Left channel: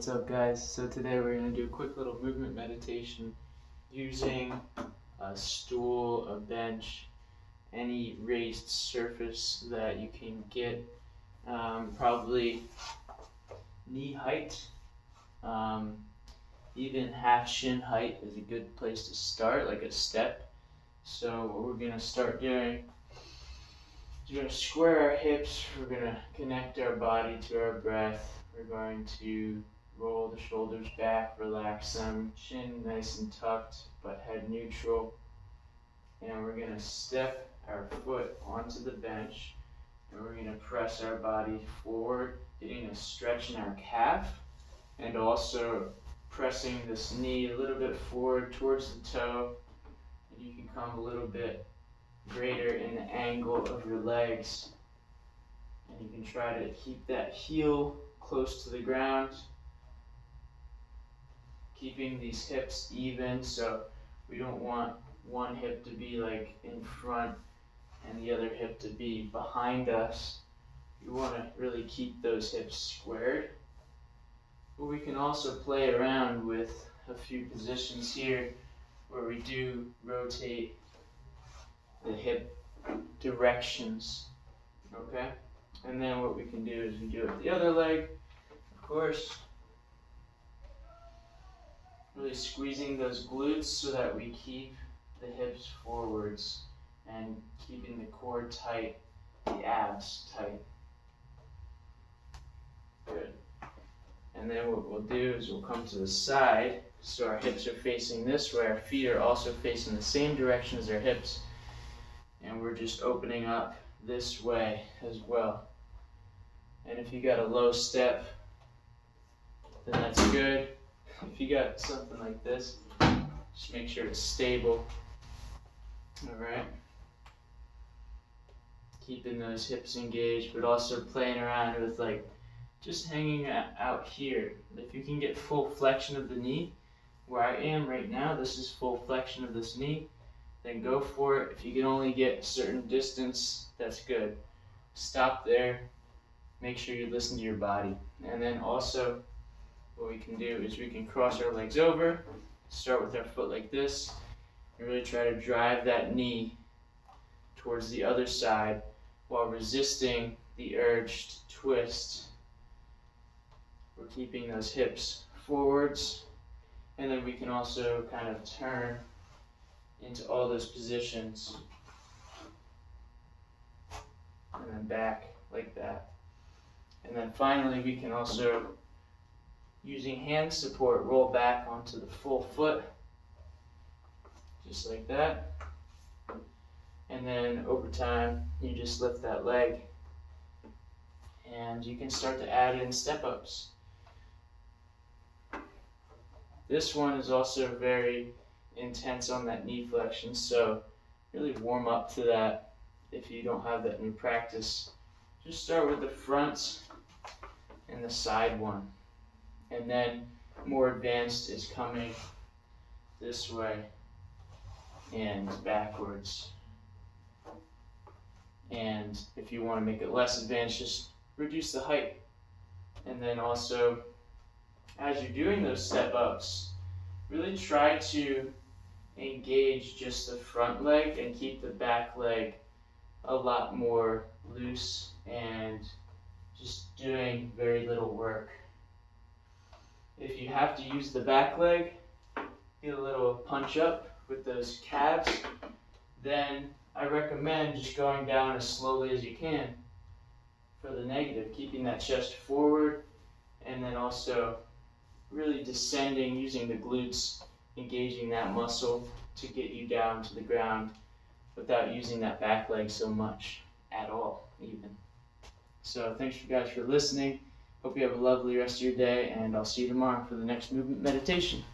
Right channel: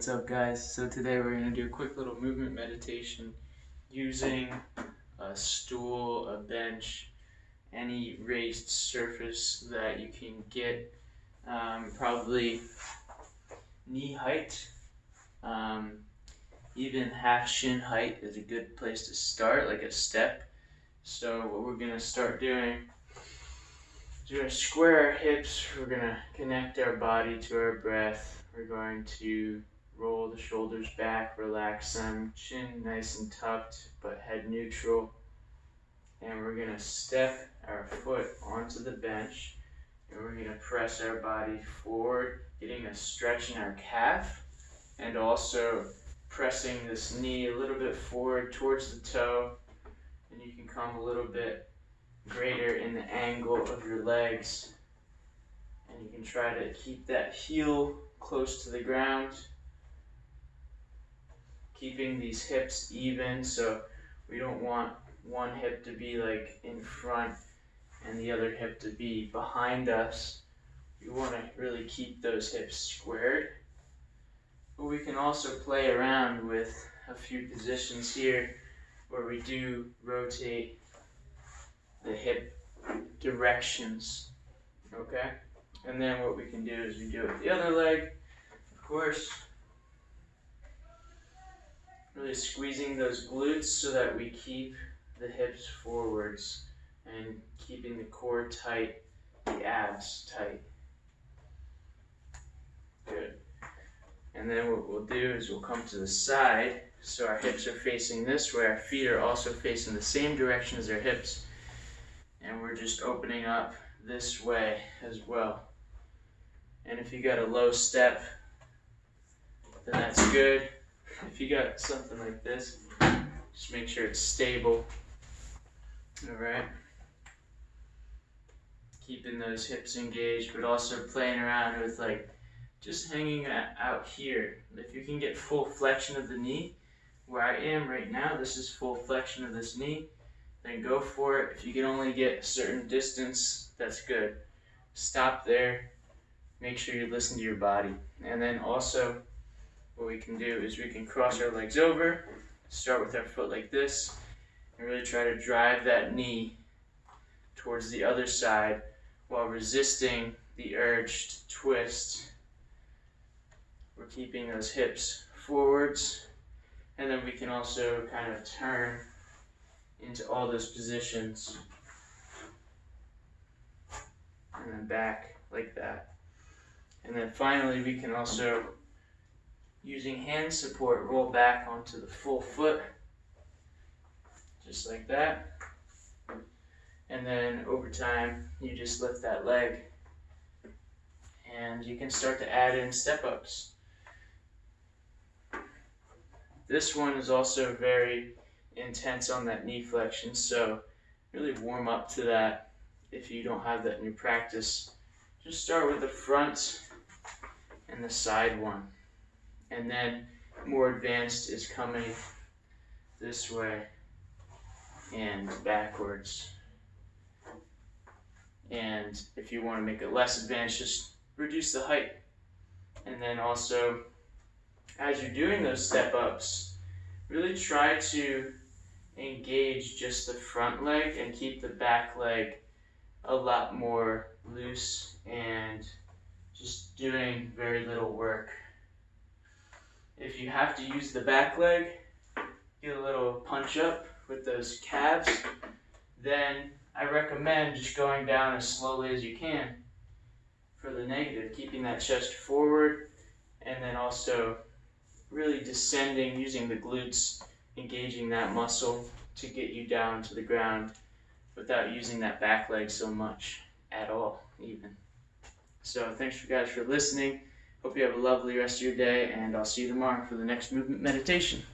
What's up, guys? So today we're going to do a quick little movement meditation using a stool, a bench, any raised surface that you can get, probably knee height, even half shin height is a good place to start, like a step. So what we're going to start doing is we're going to square our hips, we're going to connect our body to our breath, we're going to roll the shoulders back, relax them, chin nice and tucked, but head neutral. And we're going to step our foot onto the bench, and we're going to press our body forward, getting a stretch in our calf, and also pressing this knee a little bit forward towards the toe, and you can come a little bit greater in the angle of your legs, and you can try to keep that heel close to the ground, keeping these hips even, so we don't want one hip to be like in front and the other hip to be behind us. We want to really keep those hips squared. But we can also play around with a few positions here where we do rotate the hip directions, okay? And then what we can do is we do it with the other leg, of course. Really squeezing those glutes so that we keep the hips forwards and keeping the core tight, the abs tight. Good. And then what we'll do is we'll come to the side, so our hips are facing this way, our feet are also facing the same direction as our hips, and we're just opening up this way as well. And if you got a low step, then that's good. If you got something like this, just make sure it's stable. Alright. Keeping those hips engaged, but also playing around with like just hanging out here. If you can get full flexion of the knee, where I am right now, this is full flexion of this knee, then go for it. If you can only get a certain distance, that's good. Stop there. Make sure you listen to your body. And then also, what we can do is we can cross our legs over, start with our foot like this, and really try to drive that knee towards the other side while resisting the urge to twist. We're keeping those hips forwards, and then we can also kind of turn into all those positions and then back like that. And then finally we can also, using hand support, roll back onto the full foot, just like that. And then over time, you just lift that leg, and you can start to add in step-ups. This one is also very intense on that knee flexion, so really warm up to that if you don't have that in your practice. Just start with the front and the side one. And then more advanced is coming this way and backwards. And if you want to make it less advanced, just reduce the height. And then also, as you're doing those step ups, really try to engage just the front leg and keep the back leg a lot more loose and just doing very little work. If you have to use the back leg, get a little punch up with those calves, then I recommend just going down as slowly as you can for the negative, keeping that chest forward, and then also really descending, using the glutes, engaging that muscle to get you down to the ground without using that back leg so much at all, even. So thanks you guys for listening. Hope you have a lovely rest of your day, and I'll see you tomorrow for the next movement meditation.